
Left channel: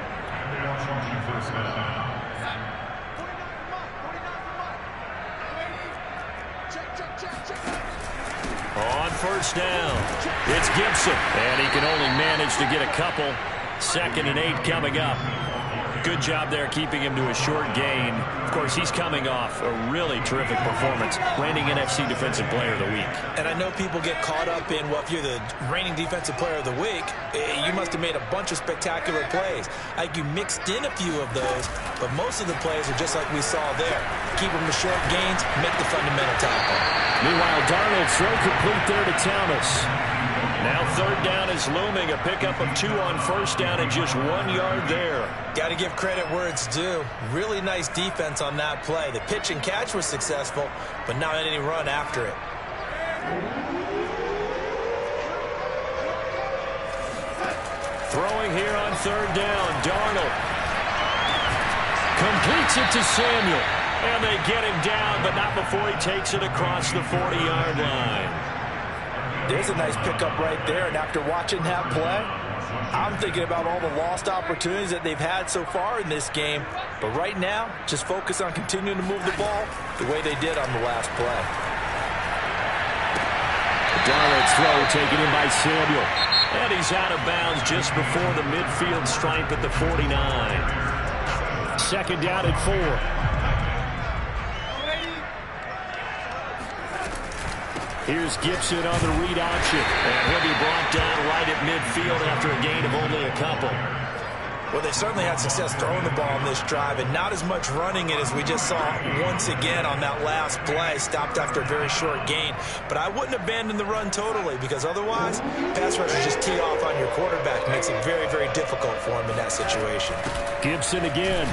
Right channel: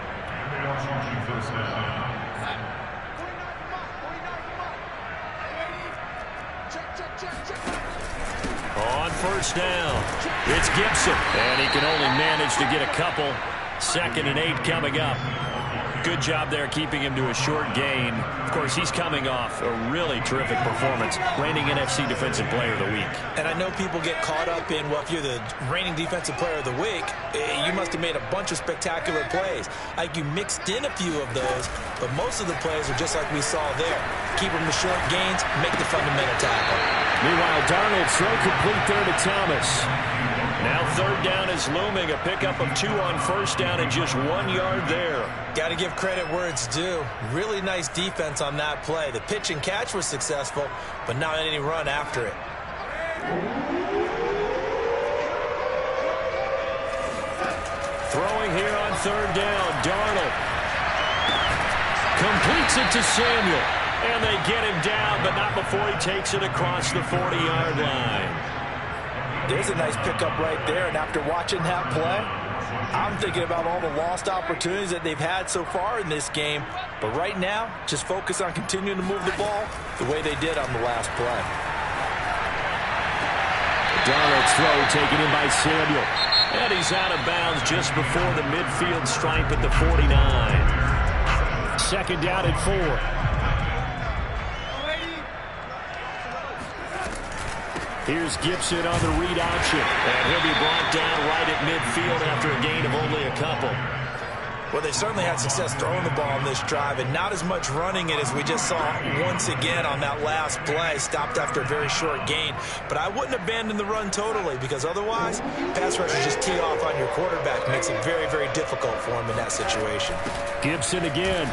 On first down, it's Gibson, and he can only manage to get a couple. 2nd and 8 coming up. Good job there keeping him to a short gain. Of course, he's coming off a really terrific performance, reigning NFC Defensive Player of the Week. And I know people get caught up in, well, if you're the reigning Defensive Player of the Week, you must have made a bunch of spectacular plays. Like, you mixed in a few of those, but most of the plays are just like we saw there. Keep them to short gains, make the fundamental tackle. Meanwhile, Darnold throw complete there to Thomas. Now 3rd down is looming. A pickup of 2 on first down and just 1 yard there. Got to give credit where it's due. Really nice defense on that play. The pitch and catch was successful, but not any run after it. Throwing here on 3rd down, Darnold completes it to Samuel. And they get him down, but not before he takes it across the 40-yard line. There's a nice pickup right there, and after watching that play, I'm thinking about all the lost opportunities that they've had so far in this game. But right now, just focus on continuing to move the ball the way they did on the last play. Darnold's throw taken in by Samuel. And he's out of bounds just before the midfield stripe at the 49. 2nd down and 4. Here's Gibson on the read option, and he'll be brought down right at midfield after a gain of only a couple. Well, they certainly had success throwing the ball on this drive, and not as much running it as we just saw once again on that last play. Stopped after a very short gain. But I wouldn't abandon the run totally, because otherwise, pass rushers just tee off on your quarterback. Makes it very, very difficult for him in that situation. Gibson again.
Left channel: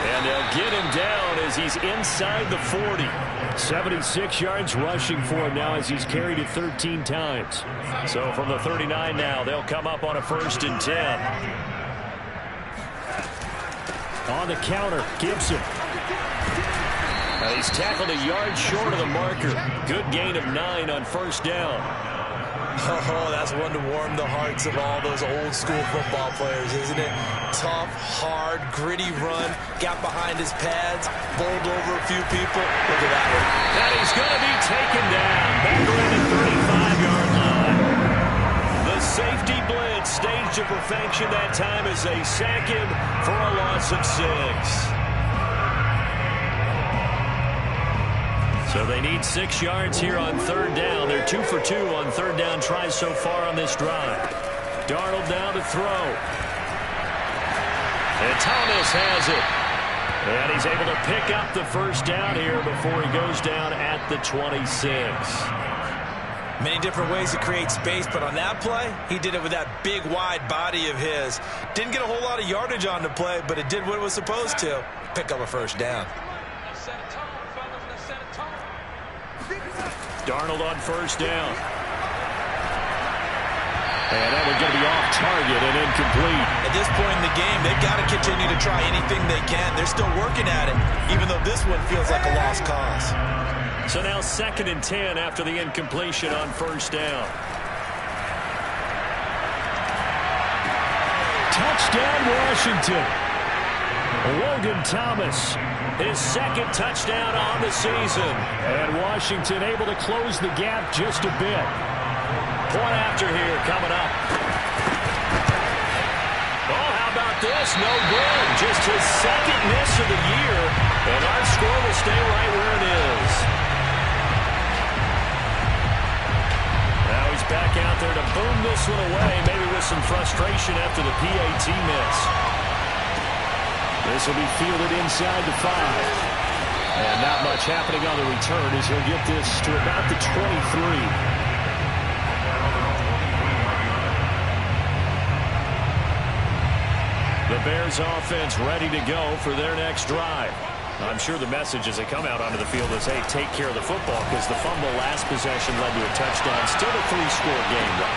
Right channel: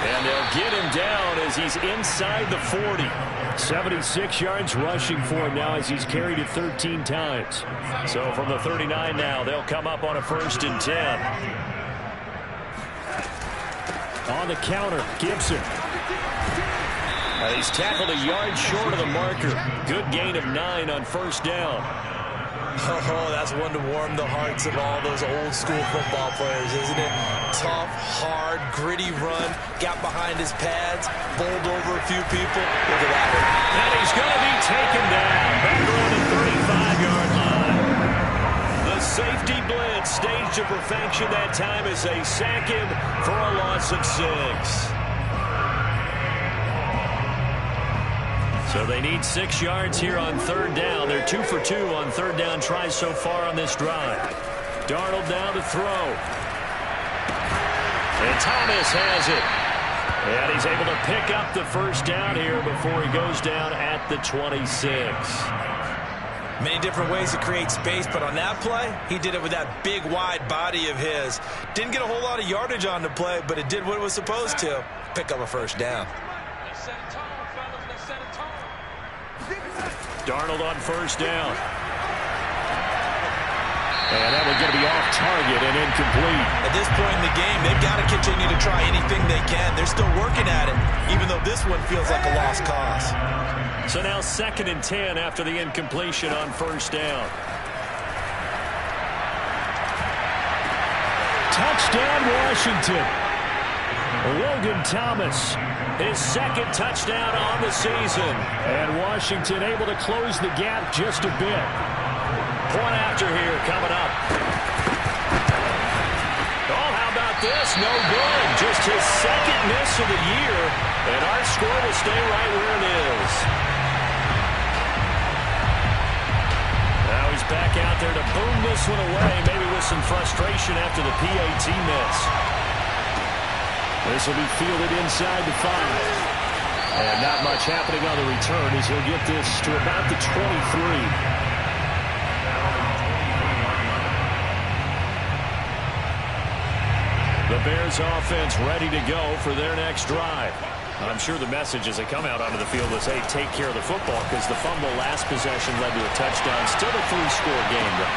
And they'll get him down as he's inside the 40. 76 yards rushing for him now as he's carried it 13 times. So from the 39 now, they'll come up on a 1st and 10. On the counter, Gibson. Now he's tackled a yard short of the marker. Good gain of 9 on first down. Oh, that's one to warm the hearts of all those old school football players, isn't it? Tough, hard, gritty run. Got behind his pads, bowled over a few people. Look at that one. And he's going to be taken down. Back around the 35-yard line. The safety blitz staged to perfection that time as they sack him for a loss of 6. So they need 6 yards here on 3rd down. They're 2 for 2 on 3rd down tries so far on this drive. Darnold down to throw. And Thomas has it. And he's able to pick up the first down here before he goes down at the 26. Many different ways to create space, but on that play, he did it with that big, wide body of his. Didn't get a whole lot of yardage on the play, but it did what it was supposed to. Pick up a first down. Darnold on first down. And that one's going to be off target and incomplete. At this point in the game, they've got to continue to try anything they can. They're still working at it, even though this one feels like a lost cause. So now 2nd and 10 after the incompletion on 1st down. Touchdown, Washington. Logan Thomas, his 2nd touchdown on the season. And Washington able to close the gap just a bit. Point after here coming up. Oh, how about this? No good. Just his 2nd miss of the year. And our score will stay right where it is. Now he's back out there to boom this one away, maybe with some frustration after the PAT miss. This will be fielded inside the 5. And not much happening on the return as he'll get this to about the 23. The Bears offense ready to go for their next drive. I'm sure the message as they come out onto the field is, hey, take care of the football, because the fumble last possession led to a touchdown. Still a 3-score game, though.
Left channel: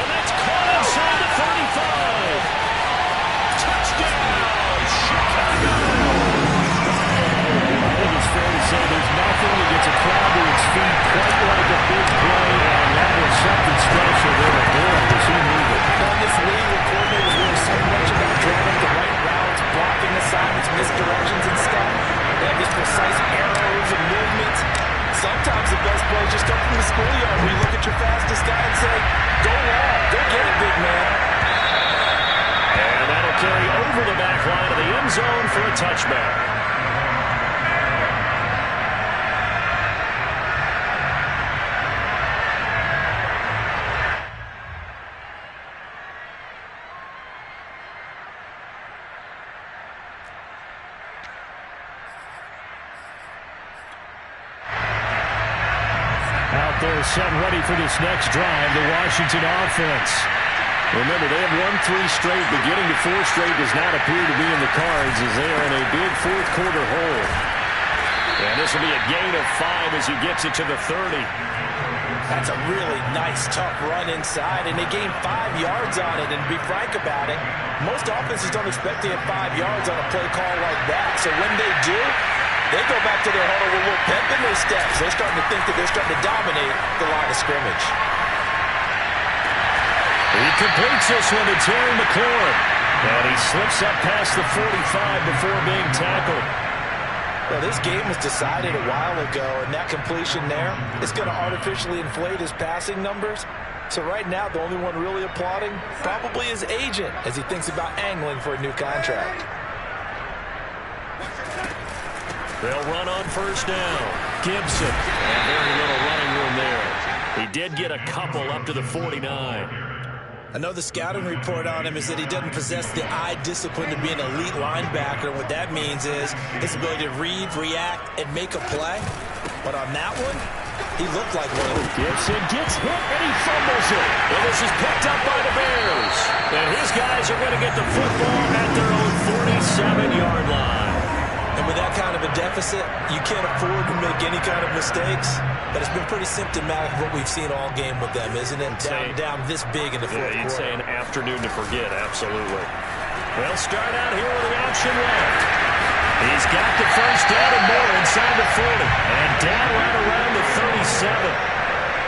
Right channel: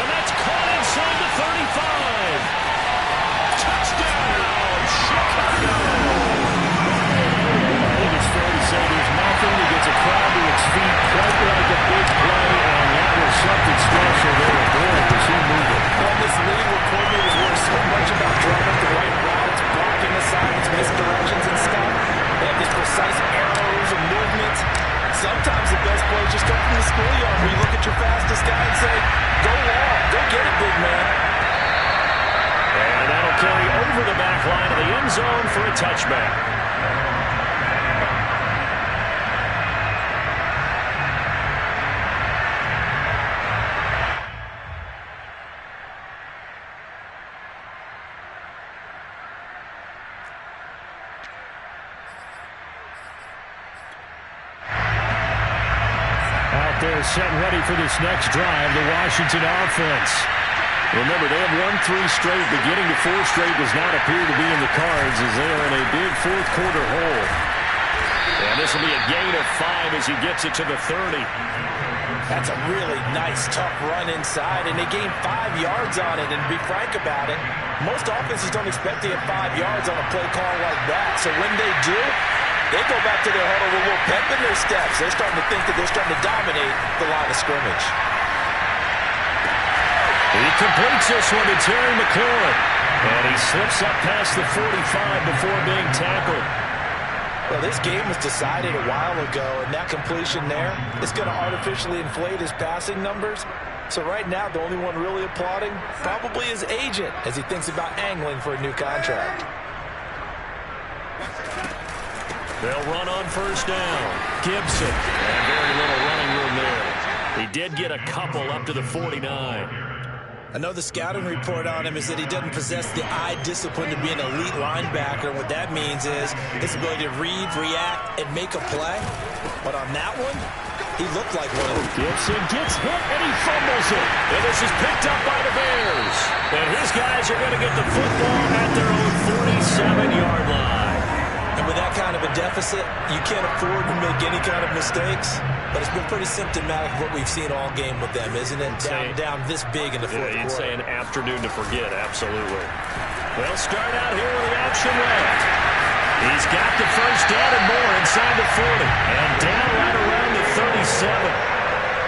And that's caught inside the 35. Touchdown, Chicago! I think it's fair to say there's nothing that gets a crowd to its feet quite like a big play, and that was something special there. Boy, was he moving. Well, in this league where coordinators worry so much about drawing up the right routes, blocking assignments, misdirections and stuff, they have these precise arrows and movements. Sometimes the best plays just come from the schoolyard where you look at your fastest guy and say, go long, go get it, big man. And that'll carry over the back line of the end zone for a touchback. Out there set ready for this next drive, the Washington offense. Remember, they have won 3 straight, but getting to 4 straight does not appear to be in the cards as they are in a big 4th quarter hole. And this will be a gain of 5 as he gets it to the 30. That's a really nice, tough run inside, and they gained 5 yards on it. And to be frank about it, most offenses don't expect to get 5 yards on a play call like that. So when they do, they go back to their huddle with a little pep in their steps. They're starting to think that they're starting to dominate the line of scrimmage. He completes this one to Terry McLaurin. And he slips up past the 45 before being tackled. Well, this game was decided a while ago, and that completion there is going to artificially inflate his passing numbers. So right now, the only one really applauding probably his agent as he thinks about angling for a new contract. They'll run on 1st down. Gibson. And very little running room there. He did get a couple up to the 49. I know the scouting report on him is that he doesn't possess the eye discipline to be an elite linebacker. And what that means is his ability to read, react, and make a play. But on that one, he looked like one of them. Gibson gets hit, and he fumbles it. And this is picked up by the Bears. And his guys are going to get the football at their own 47-yard line. And with that kind of a deficit, you can't afford to make any kind of mistakes. But it's been pretty symptomatic of what we've seen all game with them, isn't it? Down this big in the 4th quarter. You'd say an afternoon to forget, absolutely. They'll start out here with the option left. He's got the 1st down and more inside the 40. And down right around the 37.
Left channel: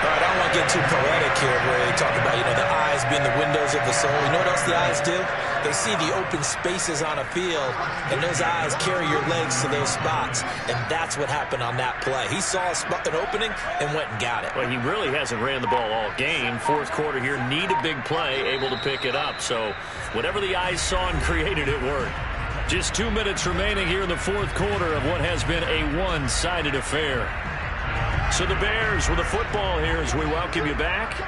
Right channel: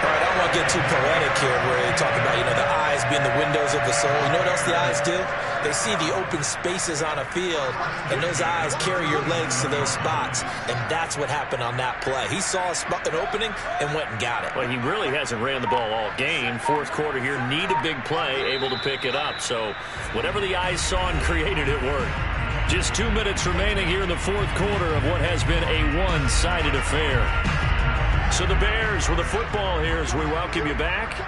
All right, I don't want to get too poetic here where they talk about, the eyes being the windows of the soul. You know what else the eyes do? They see the open spaces on a field, and those eyes carry your legs to those spots. And that's what happened on that play. He saw an opening and went and got it. Well, he really hasn't ran the ball all game. 4th quarter here, need a big play, able to pick it up. So whatever the eyes saw and created, it worked. Just 2 minutes remaining here in the 4th quarter of what has been a one-sided affair. So the Bears with the football here as we welcome you back.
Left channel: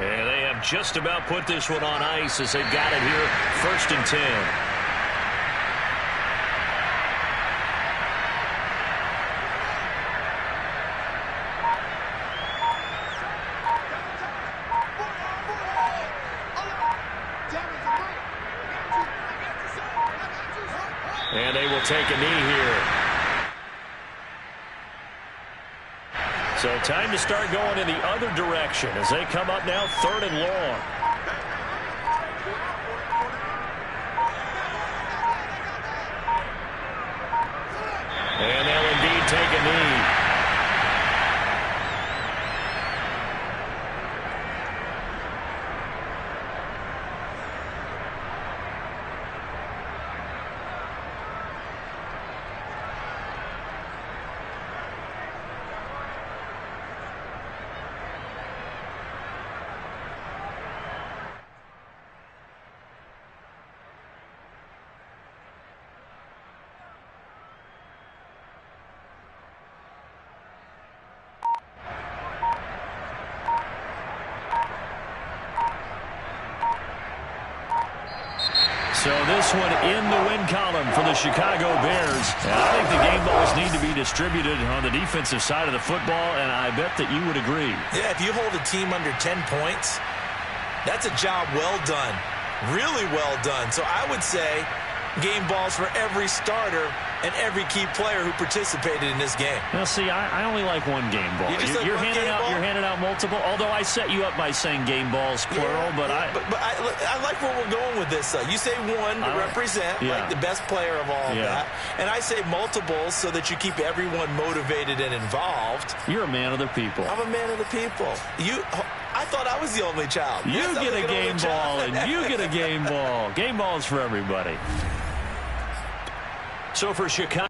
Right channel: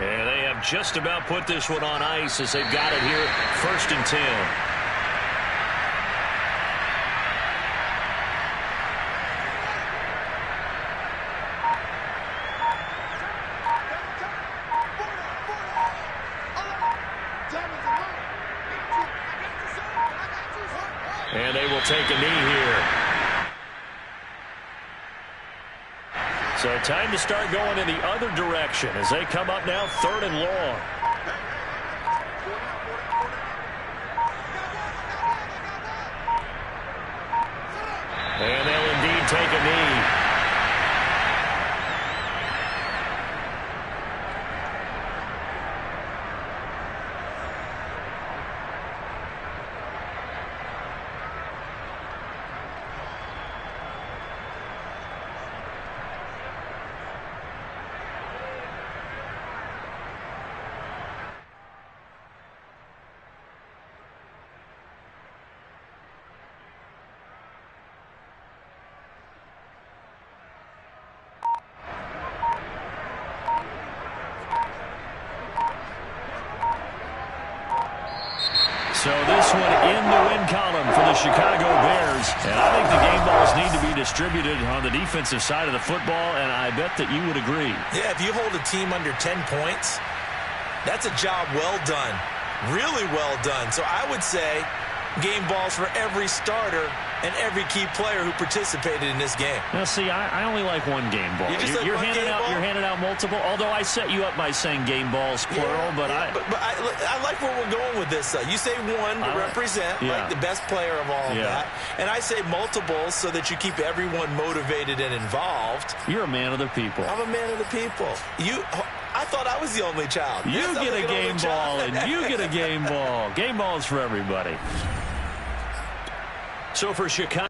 And they have just about put this one on ice as they've got it here, 1st and 10. And they will take a knee here. So time to start going in the other direction as they come up now 3rd and long. And they'll indeed take a knee. So this one in the win column for the Chicago Bears. And I think the game balls need to be distributed on the defensive side of the football, and I bet that you would agree. Yeah, if you hold a team under 10 points, that's a job well done. Really well done. So I would say game balls for every starter and every key player who participated in this game. Now, see, I only like one game ball. You're handing out multiple, although I set you up by saying game balls, plural. But I like where we're going with this. You say one to represent, like the best player of all of that. And I say multiples so that you keep everyone motivated and involved. You're a man of the people. I'm a man of the people. I thought I was the only child. You get a game ball, and you get a game ball. Game balls for everybody. So for Chicago.